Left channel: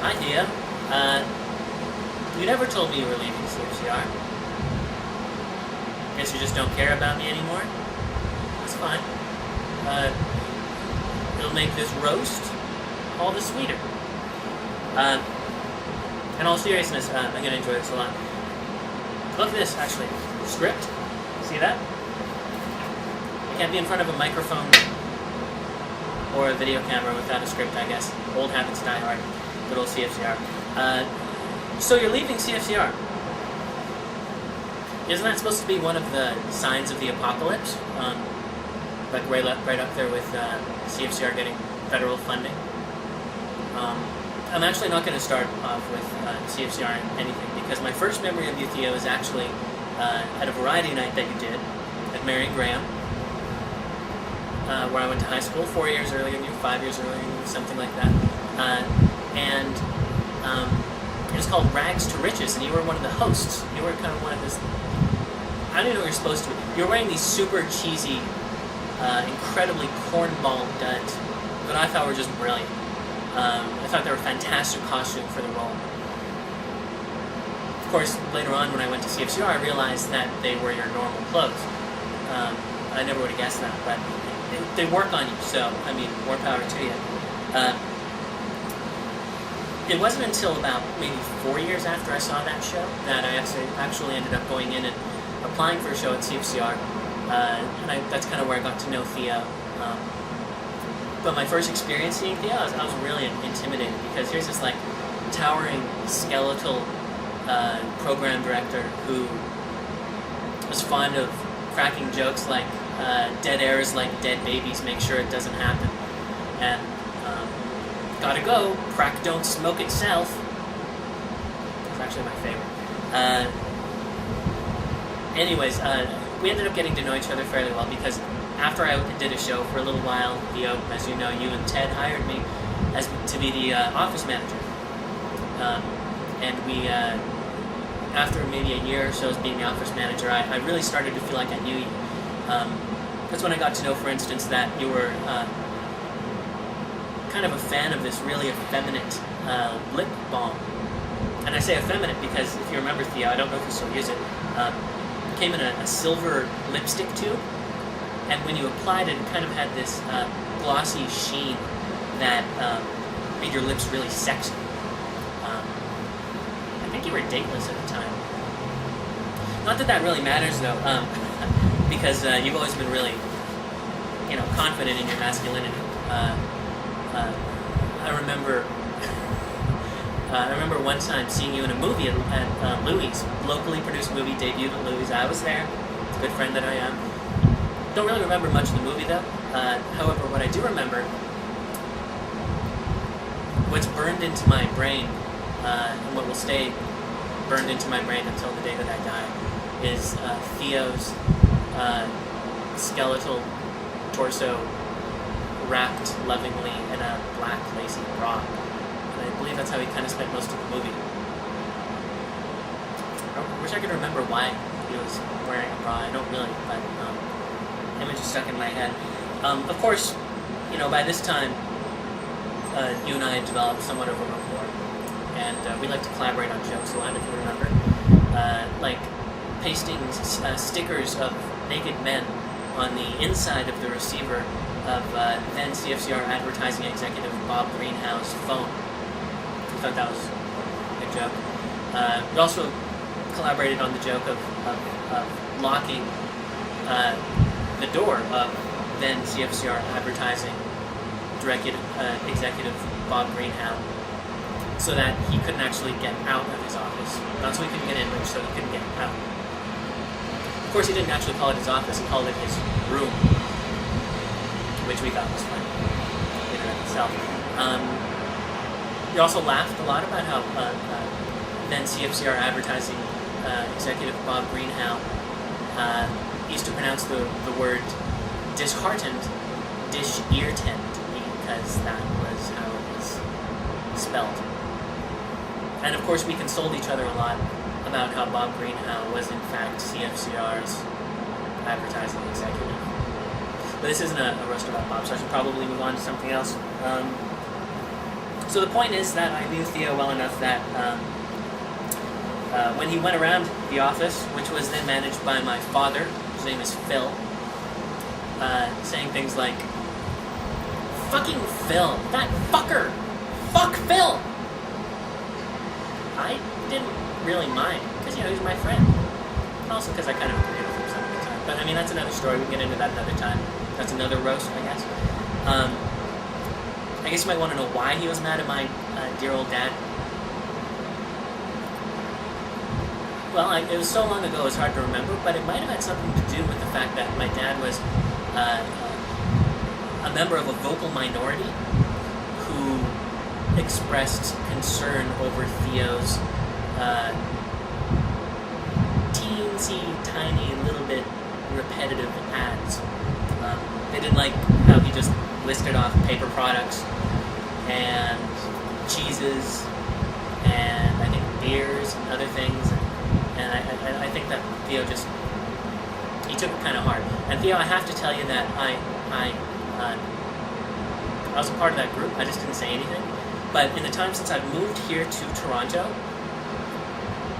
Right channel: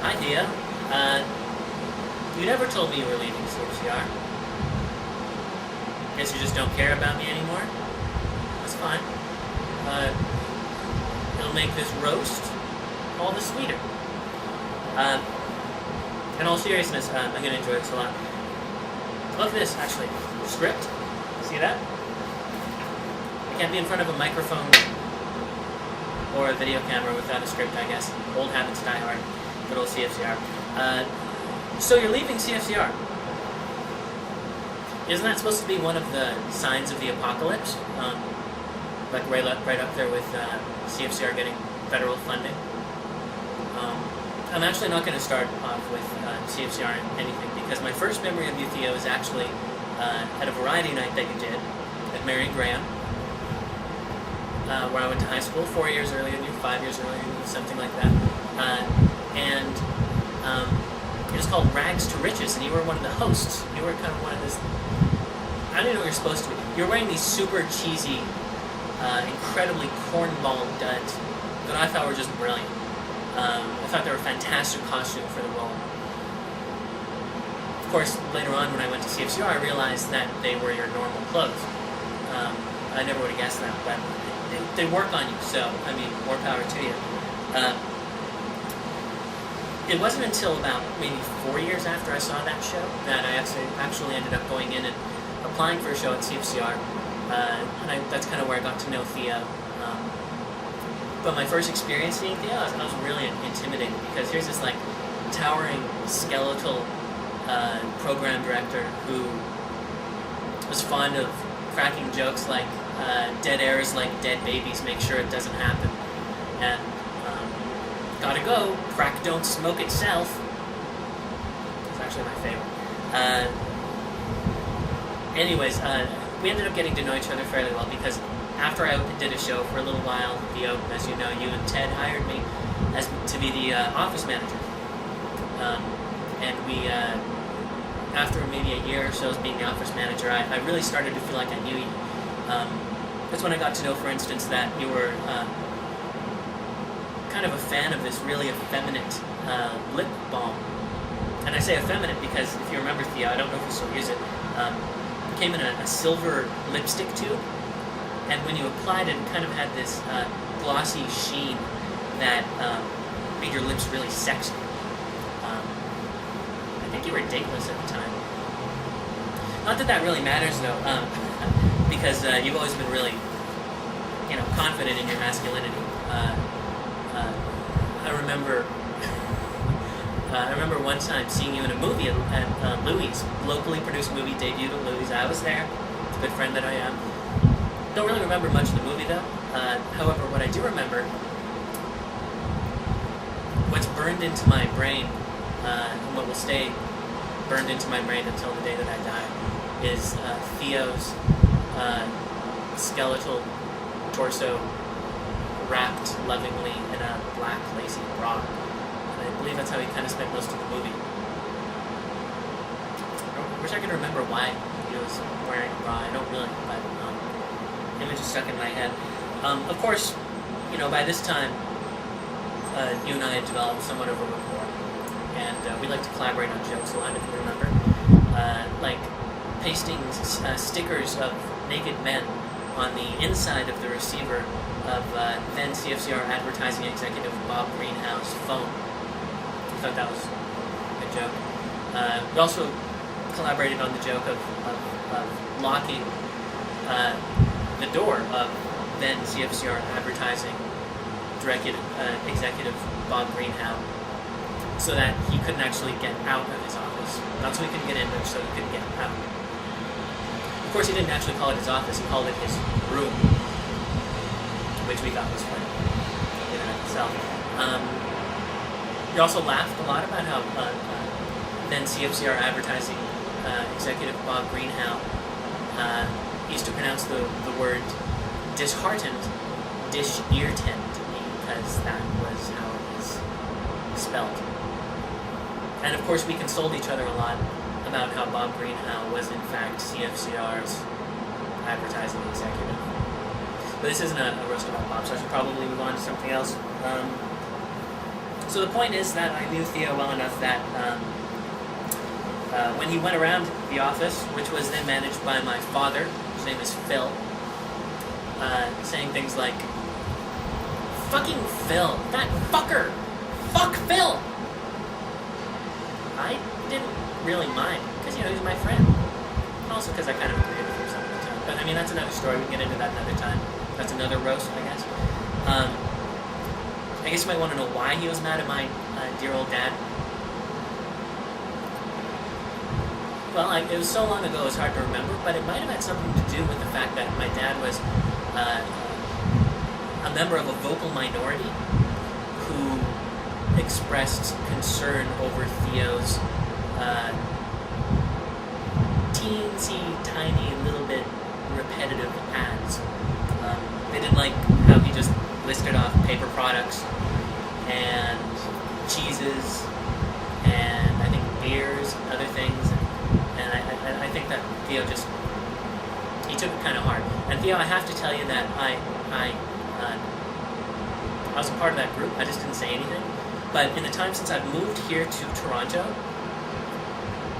Hi, Theo. You never told me you were leaving CFCR. Guess you just don't care about me anymore? That's fine. It'll make this roast all the sweeter. In all seriousness, I'm going to enjoy this a lot. Look at this, actually. Script. See that? I can't be in front of a microphone or a video camera without a script, I guess. Old habits die hard. Good old CFCR. So you're leaving CFCR. Isn't that supposed to be one of the signs of the apocalypse? Like right up there with CFCR getting federal funding. I'm actually not going to start off with CFCR and anything, because my first memory of you, Theo, is actually at a variety night that you did at Marion Graham, where I went to high school 4 years earlier than you, 5 years earlier than you, something like that. It was called Rags to Riches, and you were one of the hosts. You were kind of one of this... I don't know what you're supposed to be. You were wearing these super cheesy, incredibly cornball duds that I thought were just brilliant. I thought they were a fantastic costume for the role. Of course, later on when I went to CFCR, I realized that they were your normal clothes. I never would have guessed that, but they work on you, so, I mean, more power to you. It wasn't until about maybe 4 years after I saw that show that I actually ended up going in and applying for a show at CFCR, and that's kind of where I got to know Theo. But my first experience seeing Theo, I was really intimidated, because here's this like towering skeletal program director who was fond of cracking jokes like dead air is like dead babies, make sure it doesn't happen, and gotta go, crack don't smoke itself. It's actually my favorite. Anyways, we ended up getting to know each other fairly well, because after I did a show for a little while, Theo, as you know, you and Ted hired me to be the office manager. And we, after maybe a year or so as being the office manager, I really started to feel like I knew you. That's when I got to know, for instance, that you were kind of a fan of this really effeminate lip balm. And I say effeminate because, if you remember, Theo, I don't know if you still use it, it came in a silver lipstick tube. And when you applied it, it kind of had this glossy sheen that made your lips really sexy. I think you were dateless at the time. Not that that really matters, though, because you've always been really, confident in your masculinity. I remember one time seeing you in a movie at Louis, locally produced movie, debuted at Louis. I was there. It's a good friend that I am. Don't really remember much of the movie, though. However, what I do remember, what's burned into my brain, and what will stay burned into my brain until the day that I die, is Theo's skeletal torso wrapped lovingly in a black lacy bra. And I believe that's how he kind of spent most of the movie. I wish I could remember why he was wearing a bra. I don't really, but image is stuck in my head. Of course, by this time, you and I had developed somewhat of a rapport, and we like to collaborate on jokes a lot, if you remember. Like pasting stickers of naked men on the inside of the receiver of then CFCR advertising executive Bob Greenhouse's phone. I thought that was a good joke. We also collaborated on the joke of locking the door of then CFCR advertising executive Bob Greenhouse, so that he couldn't actually get out of his office. Not so he couldn't get in, but so he couldn't get out. Of course, he didn't actually call it his office, he called it his room, which we thought was funny in and of itself. We also laughed a lot about how then CFCR advertising executive Bob Greenhouse used to pronounce the word disheartened dish-ear-tent, because that was how it was spelled. And of course we consoled each other a lot about how Bob Greenhouse was in fact CFCR's advertising executive. But this isn't a roast about Bob, so I should probably move on to something else. So the point is that I knew Theo well enough that when he went around the office, which was then managed by my father, whose name is Phil, saying things like, "Fucking Phil, that fucker! Fuck Phil!" I didn't really mind, because, he was my friend. Also because I kind of agreed with him some of the time. But, I mean, that's another story. We can get into that another time. That's another roast, I guess. I guess you might want to know why he was mad at my dear old dad. Well, it was so long ago, it's hard to remember, but it might have had something to do with the fact that my dad was a member of a vocal minority who expressed concern over Theo's teensy, tiny, little bit repetitive ads. They didn't like how he just listed off paper products and cheeses and I think beers and other things. And I think that Theo he took it kind of hard. And Theo, I have to tell you that I was a part of that group. I just didn't say anything. But in the time since I've moved here to Toronto,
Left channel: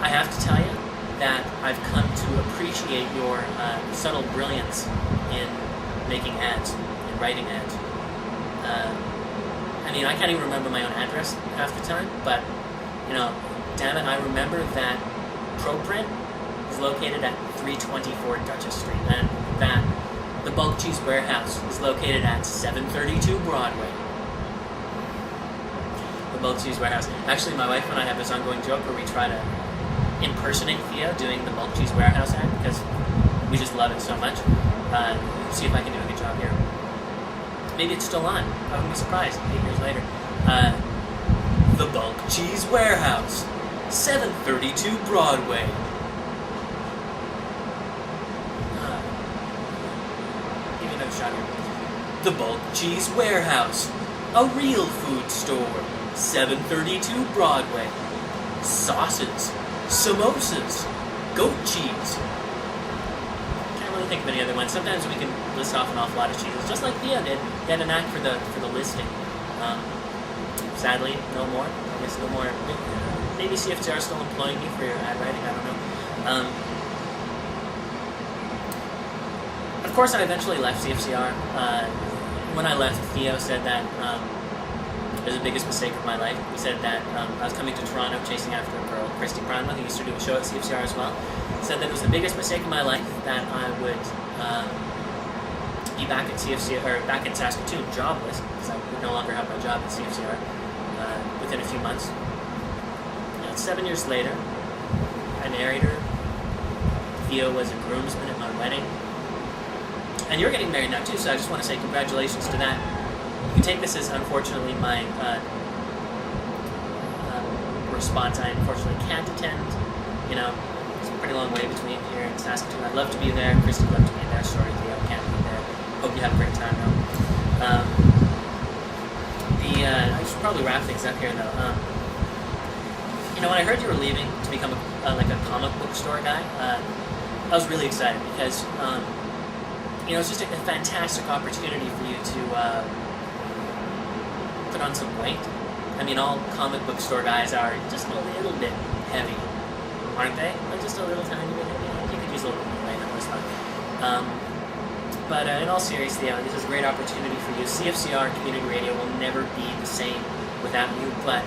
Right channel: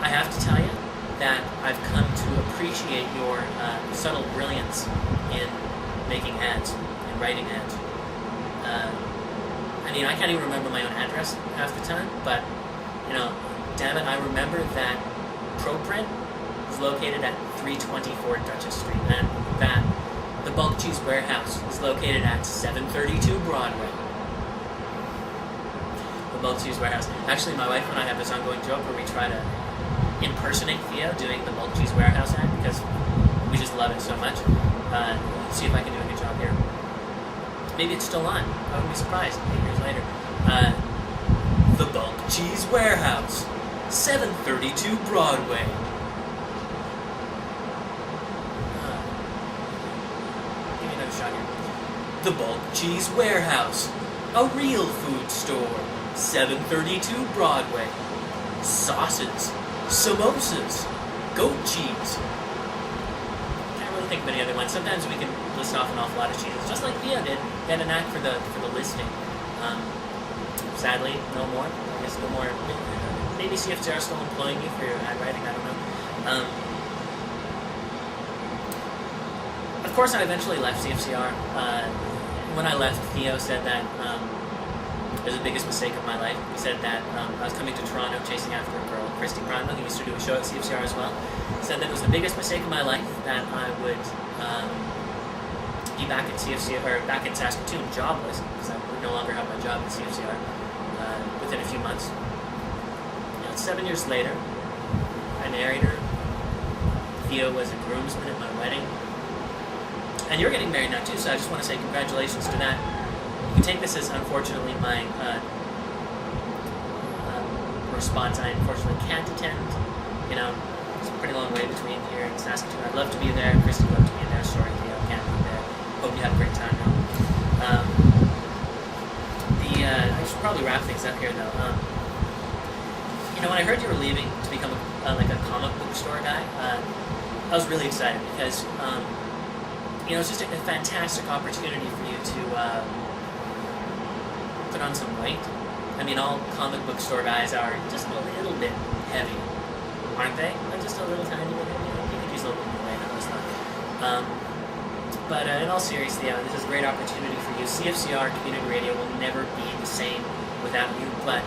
I have to tell you that I've come to appreciate your subtle brilliance in making ads, in writing ads. I mean, I can't even remember my own address half the time, but, damn it, I remember that ProPrint is located at 324 Duchess Street, and that the Bulk Cheese Warehouse is located at 732 Broadway. The Bulk Cheese Warehouse. Actually, my wife and I have this ongoing joke where we try to impersonate Theo doing the Bulk Cheese Warehouse ad because we just love it so much. See if I can do a good job here. Maybe it's still on. I wouldn't be surprised 8 years later. The Bulk Cheese Warehouse, 732 Broadway. Give me another shot here. The Bulk Cheese Warehouse, a real food store, 732 Broadway. Sauces, samosas, goat cheese. Can't really think of any other ones. Sometimes we can list off an awful lot of cheeses, just like Theo did. He had an act for the listing. Sadly, no more. I guess no more. Maybe CFCR is still employing you for your ad writing. I don't know. Of course, I eventually left CFCR. When I left, Theo said that it was the biggest mistake of my life. He said that I was coming to Toronto chasing after a girl, Christy Prima, who used to do a show at CFCR as well. He said that it was the biggest mistake of my life that I would be back at CFCR, or back in Saskatoon, jobless, because I would no longer have my job at CFCR within a few months. 7 years later, I married her. Theo was a groomsman at my wedding. And you're getting married now too, so I just want to say congratulations to that. You can take this as, unfortunately, my response. I unfortunately can't attend. It's a pretty long way between here and Saskatoon. I'd love to be there. Christy would love to be there. Sorry, Theo, can't be there. Hope you have a great time now. I should probably wrap things up here, though. When I heard you were leaving to become a comic book store guy, I was really excited because it's just a fantastic opportunity for you to put on some weight. I mean, all comic book store guys are just a little bit heavy, aren't they? Like just a little tiny bit heavy. You could use a little bit more weight, I always thought. But in all seriousnly, this is a great opportunity for you. CFCR Community Radio will never be the same without you, but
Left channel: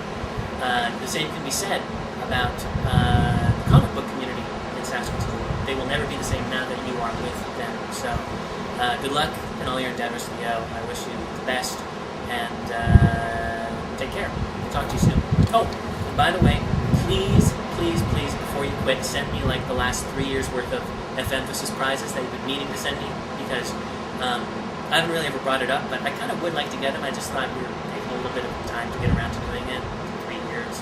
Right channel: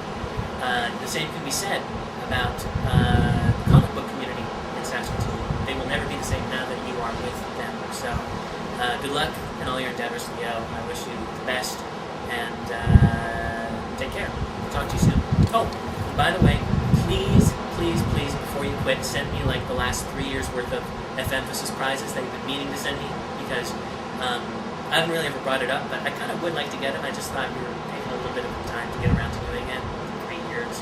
the same can be said about the comic book community in Saskatoon. They will never be the same now that you are with them. So, good luck in all your endeavors, Theo. I wish you the best, and take care. Talk to you soon. Oh, and by the way, please, before you quit, send me the last 3 years worth of F-Emphasis prizes that you've been meaning to send me, because I haven't really ever brought it up, but I kind of would like to get them. I just thought we were taking a little bit of time to get around to doing it. 3 years.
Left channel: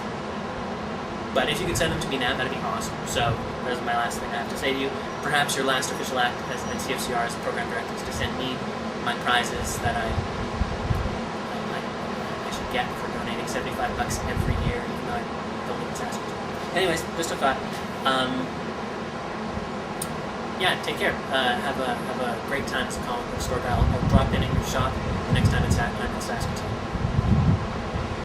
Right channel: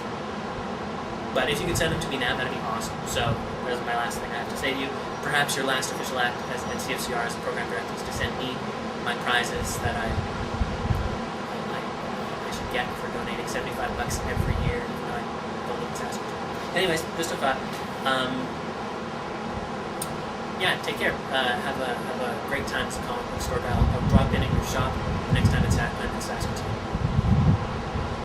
But if you could send them to me now, that'd be awesome. So, there's my last thing I have to say to you. Perhaps your last official act as at CFCR as a program director is to send me my prizes that I should get for donating $75 every year, even though I don't live in Saskatoon. Anyways, just a thought. Take care. Have a great time as a comic book store guy. I'll drop in at your shop the next time I'm in Saskatoon.